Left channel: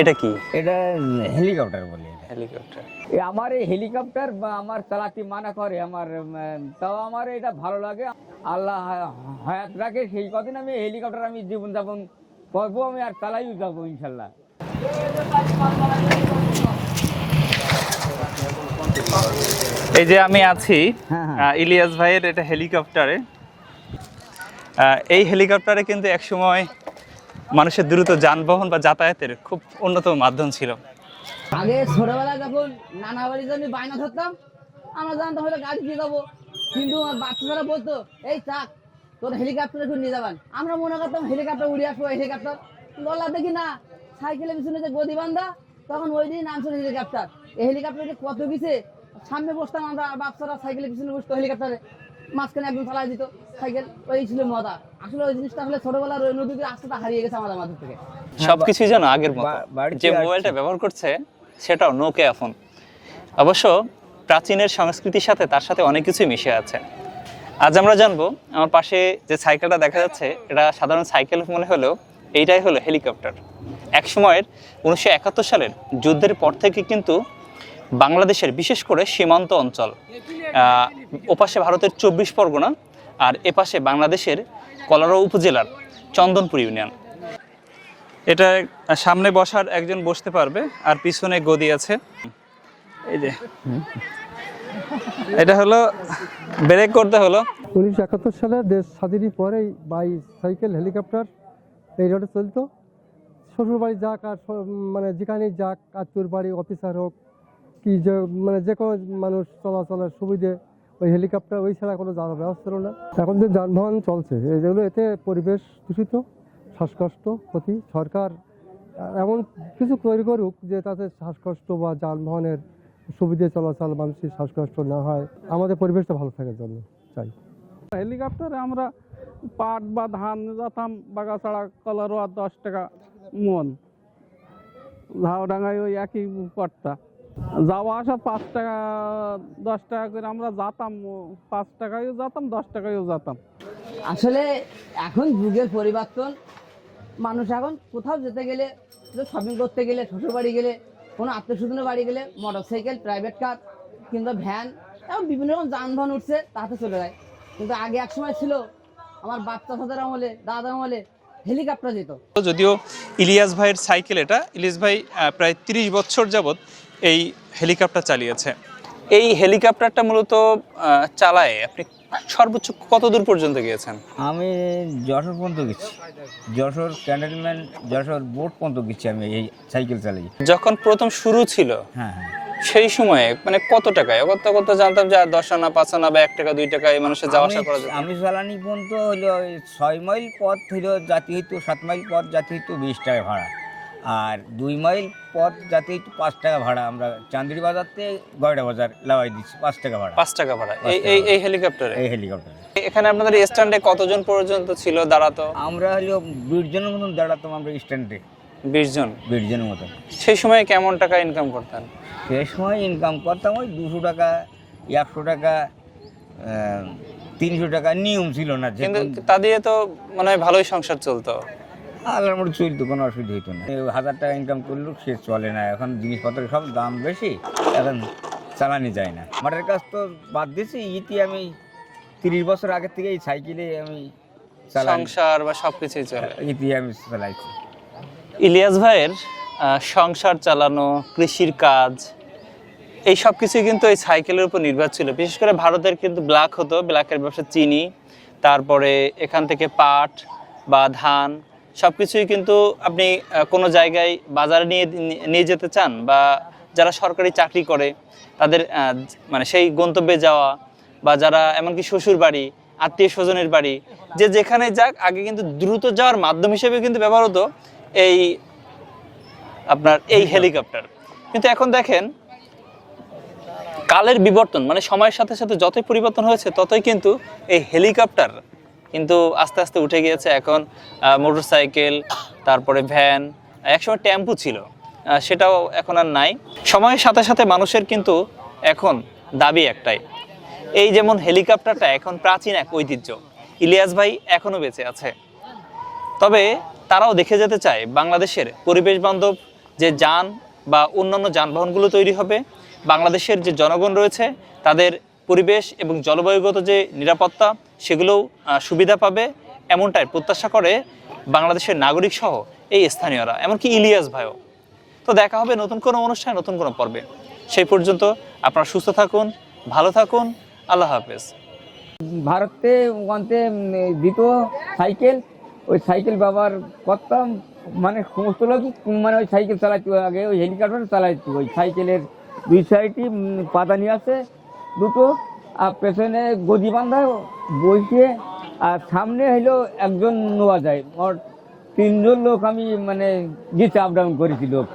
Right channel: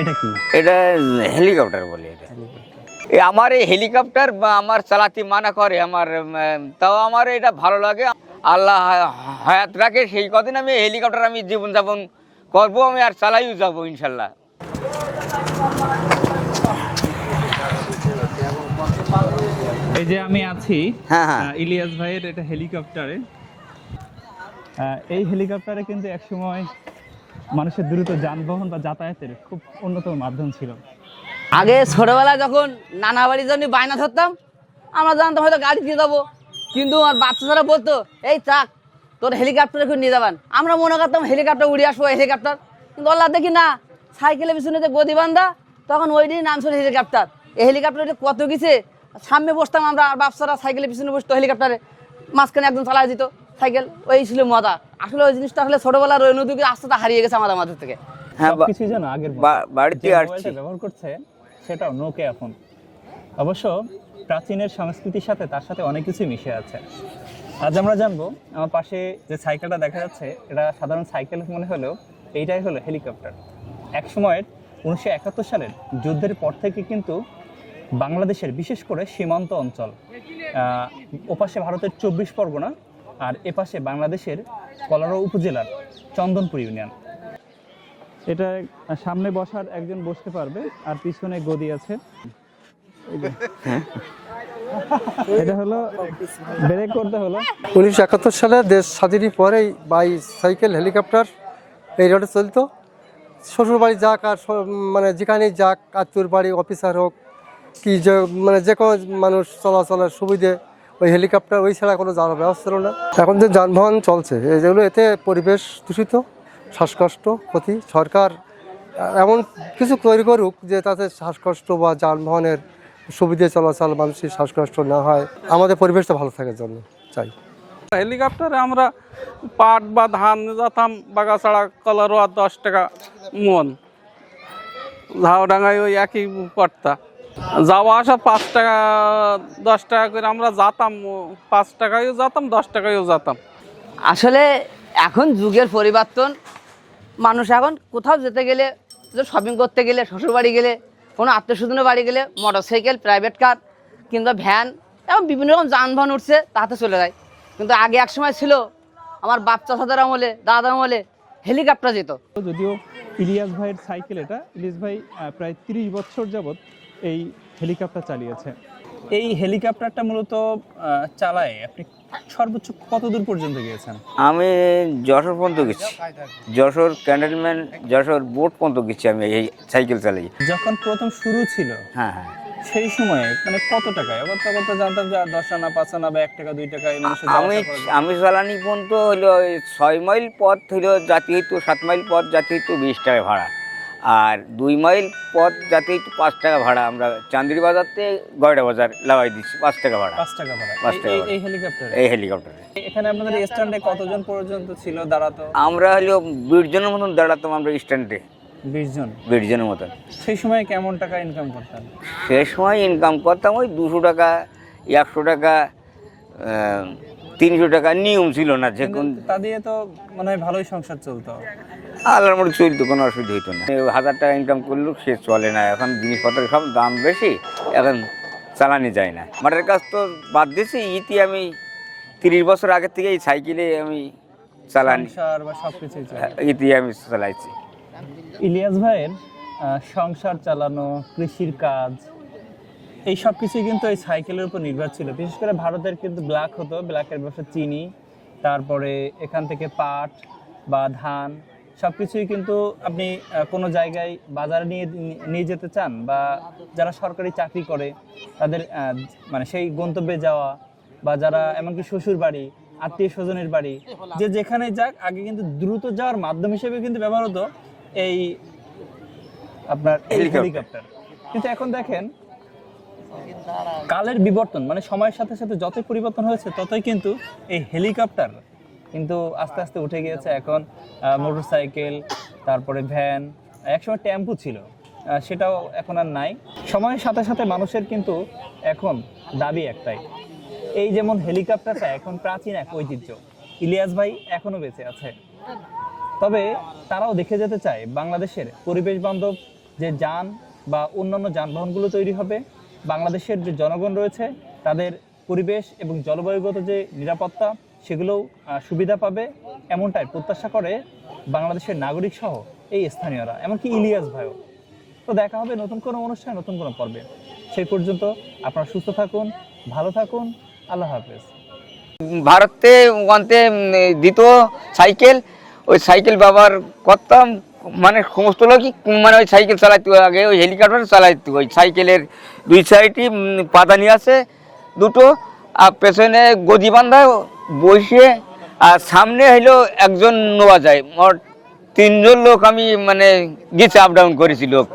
এটা কি? এটা হেলিকপ্টার বলে। এটা হেলিকপ্টার। আমার এই হেলিকপ্টার বা আমার চালাতে মানা করে আমার, তাও আমার এটা ভালো লাগে। আল্লাহ হায়াত রাখে সেই কদিন আমি হেলিকপ্টার আমি জীবনযাপন করবো, আমি আর চালাইও যাবো ইনশাল্লাহ। এই যে আমি আছি হ্যাঁ, হ্যাঁ। ইলিয়াস ভাইয়ের এটা হেলিকপ্টারে। এই হেলিকপ্টারে কিন্তু একসময় মানুষের দ্রুত যানবাহন বা যাতায়াতের খুব অন্যতম মাধ্যম ছিল। আগে ছোটবেলায় যখন নানা বাড়ির জন্য বায়না ধরতাম, আমরা জানতাম হয়তো গাড়ি দিয়ে যাবো, কিন্তু আমার বাচ্চারা বলতো এই চাক তোর হেলিকপ্টারে করে নিয়ে যাবেন। আমরা মনে করতাম হেলিকপ্টার উড়ে আসবো হেলিকপ্টার, কিন্তু আল্লাহ দেখি না, সাইকেলের পিছনে যে গদি বান্ধা, তখন ওই দিনই নাম ছিল হেলিকপ্টার। এই হেলিকপ্টারে কত গেছে, সামনে বসতাম আমরা, আর বাচ্চারা সাইকেলের পিছনে বসতো হেলিকপ্টারে, মাঝখানে একজন চালাই দিত সাইকেল। ওই ছিল মজা। আসলে ওই জিনিসটা আসলে ছোটবেলার ওই নদীকে আস্তে হারিয়ে গেছে আমাদের মাঝে থেকে। সবকিছুই যেন আগের মতো। যে মোবাইলটা ব্যবহার করছে সেটাও নোকিয়া ফোন। অবশ্য প্রাচীনের সংস্কৃতির সাথে তার সাথে অনেক কিছুই মিশে আছে। আজ আমরা জানবো, আমার পাশে যে সাইকেলটা দেখা যাচ্ছে এটা সাধারণ সাইকেল মনে হলেও এইটাই হলো হেলিকপ্টার। এক সময়ের 1971 সালের যুদ্ধের পর থেকে কিন্তু বাংলাদেশের বিশেষ করে সীমান্ত অঞ্চল, ওপাশে ভারতের 24 পরগনা আর এপাশে বাংলাদেশের কলারো উপজেলার চন্দনপুর ইউনিয়ন, এটা সামনে বসার একজন বসতে পারবে আর পিছনে গদি আছে। এই যে এটা হলো ব্রেক করতে হলো। 1971 সালে দেশ স্বাধীনের পরেই সাইকেল হেলিকপ্টার এই রোডে চলতো। শ্বশুরবাড়ি যাক আর মানে যেখানেই যাক, আত্মীয়র বাড়ি, অফিসার হোক কি, যে মানে যে কোনো মানুষ চলাচলের সুবিধে ওই হেলিকপ্টার, ওই ছাড়া কোনো যাওয়ার ব্যবস্থা ছিল না। এখন যে যানবাহন চলছে যেগুলো, এতে পরিবেশ দূষিত, শ্বাসকষ্ট ক্ষতি। সরকার এমন কিছু তৈরি করুক যে তাতে শ্বাসকষ্ট বা যানবাহনের সুবিধে চলাচল, মানুষের শ্বাসকষ্ট না হয়, আমাদের পরিবেশটা ভালো থাকার জন্য চাই। হেলিকপ্টারে আমরা পাট বা ধান যেতাম বাগাছাড়া কলারোয়া 10 টাকা মন, ঝাউডাঙ্গায় ওই একই পড়তা। যাওয়া আসা 5 টাকা 10 টাকা করে আমরা যেতাম, 5 টাকায়ও যেতাম 10 টাকায়ও যেতাম। আসলে এখন যুগের পরিবর্তন, মানুষ এখন কোথাও যেতে গেলে, শপিং করতে গেলে, শ্বশুরবাড়ি গেলে, কোনো আত্মীয় স্বজনের বাড়ি গেলে মোটরসাইকেল, প্রাইভেট কার কিংবা ভ্যান, এবং বিভিন্ন রকম যানবাহন উঠছে, তাতে চলে যায়। কিন্তু আগে এক সময় ছিল, আমার বাচ্চা চাচাদের আমলে, দাদা আমলে হেলিকপ্টার যেত। যদিও ইলিয়াস ভাইয়ের সাইকেল এটা, ইলিয়াস ভাই প্রায় 30 বছর যাবৎ এই হেলিকপ্টার চালিয়েছে। এই হেলিকপ্টারটা মূলত চালায় আপনি সর্বোচ্চ কত দূর পর্যন্ত গিয়েছেন? আমি যশোর পর্যন্ত গেছি, যশোর ক্যান্টনমেন্ট, যশোর বোট পর্যন্ত গেছি আমি এই সাইকেল চালাই। যখন প্রথম শুরু ছিল, হ্যাঁ, হ্যাঁ, সেই সময়ে মানে কত টাকায় কত জানতাম যে 10 আনা 5 আনা বা 1 টাকা 2 টাকায় মানুষের যাওয়া আসা করা যায়। আমি চালানি পর্যন্ত হইলো 6 মাইল পথ হইলো জাতি হইতো 7 মাইল পথ জাতি হইতো 20 টাকা ভাড়া, আর 2 মাইল পথ জাতি হইতো 5 টাকা ভাড়া। আমরা চান্দির বাজার থেকে গয়ডা বাজার লাগাই দিচ্ছি 5 টাকা ভাড়া। 5 টাকা ভাড়া এই হেলিকপ্টারে। এই হেলিকপ্টারে এখানে আপনাদের স্ট্যান্ডে কতজন পর্যন্ত ছিল দাঁড়াতো? আমরা হইলো 20 জনের মতন দাঁড়াতাম আমরা স্ট্যান্ডে। 20 জন? 20 জনের মতন। সেই সময় কেমন টাকা ইনকাম করতেন? সেই সময় ইনকাম করতাম ওই 200 টাকা, 100 টাকা, 300 টাকা, নিয়ম ছিল না। কিন্তু তা দিয়ে তো মানে ভালোই সংসার চলতো। আল্লাহর মধ্যে চলতো, কোনো অসুবিধা হইতো না। 1000 টাকা ইনকাম করলেও সে চলে না। এখন জিনিসপত্রের সব দাম বেশি, এখন চালানি যায় না। মাঠের কাজ তো বাদ দিয়েছি। আমি 30 বছর আগের থেকে এই সাইকেলে আমি চালাই, সংসার বা সবকিছুই চলে। আমি চালাইছি। ইলিয়াস ভাইয়ের সংসার চালানো, কৃষির কাজ, এই সব কিছুই কিন্তু এই সাইকেলের উপর নির্ভর ছিল। বিশেষ করে ভারতের কিন্তু ব্ল্যাক হতো, ব্ল্যাকের ব্যবসা চিনি, তারপরে এখান থেকে পাট বা ধান সব কিছুই কিন্তু আপনি কোনো জায়গায় বাজারে নিয়ে যেতে চান, বা যারা সরকারি চাকরি করে তাদের মানে সেই গন্তব্যে যাওয়া, বা যারা এমনকি শ্বশুর বাড়ি, আত্মীয় স্বজনের বাড়ি, যে যেখানে যাক, আগে কিন্তু দ্রুত যাওয়ার মাধ্যম হিসেবে কিন্তু ব্যবহার হতো এই আপনার এই হেলিকপ্টার। কিন্তু এখন দেখেন কালের বিবর্তন, মানে সময়ের সাথে সাথে যতই পরিবর্তন হয়েছে ততই কিন্তু এই হেলিকপ্টার কিন্তু আস্তে আস্তে উঠে গিয়েছে। এখন মোটরসাইকেল, তারপরে ভ্যান, একসময় টেম্পু ছিল, সেটাও এখন আর নাই। সময়ের সাথে সাথে মানুষের কিন্তু এখন দাবি একটাই, এই যেমন হেলিকপ্টারটা এখন প্রাচীন এক ঐতিহ্য, ইলিয়াস ভাই এখনো বেঁচে আছে, তবে তারাও দেখে যেতে চায় বাংলাদেশের পরিবেশ বান্ধব যে যান বা অন্যান্য যানবাহনগুলো তৈরি হবে, বাংলাদেশের যে জনগণ রয়েছে তাদের পরিবেশ এবং জলবায়ুগত যে নিরাপত্তা সেগুলোও সুবিধা পাবে, এমনটাই প্রত্যাশা করে বাংলাদেশের নাগরিক সহ এই স্থানীয়রা, এমনকি ইলিয়াস ভাইও। তো দেখা হবে নতুন কোনো অনুষ্ঠানে, নতুন কোনো পর্বে। সেই পর্যন্ত আপনারা সুস্থ থাকুন, ভালো থাকুন, আল্লাহ হাফেজ। ভারতে ওখানতে দিত সাইকেল, ওই সাইকেল ব্যবহার করতাম, মানে সমস্ত লোকই মানে ওই সাইকেল চালাইতে, আগে ওই হেলিকপ্টার চালাইতো। ওই সাইকেলের দুই সাইডই পাদানি আছে দুটো, আর পেছনে গদি বান্ধা বসে, আর সামনে হইলো একজন নেওয়া যায়। মোট 3 জন লোক আমি মানে গেছে, আপ ডাউন করেছি লোক।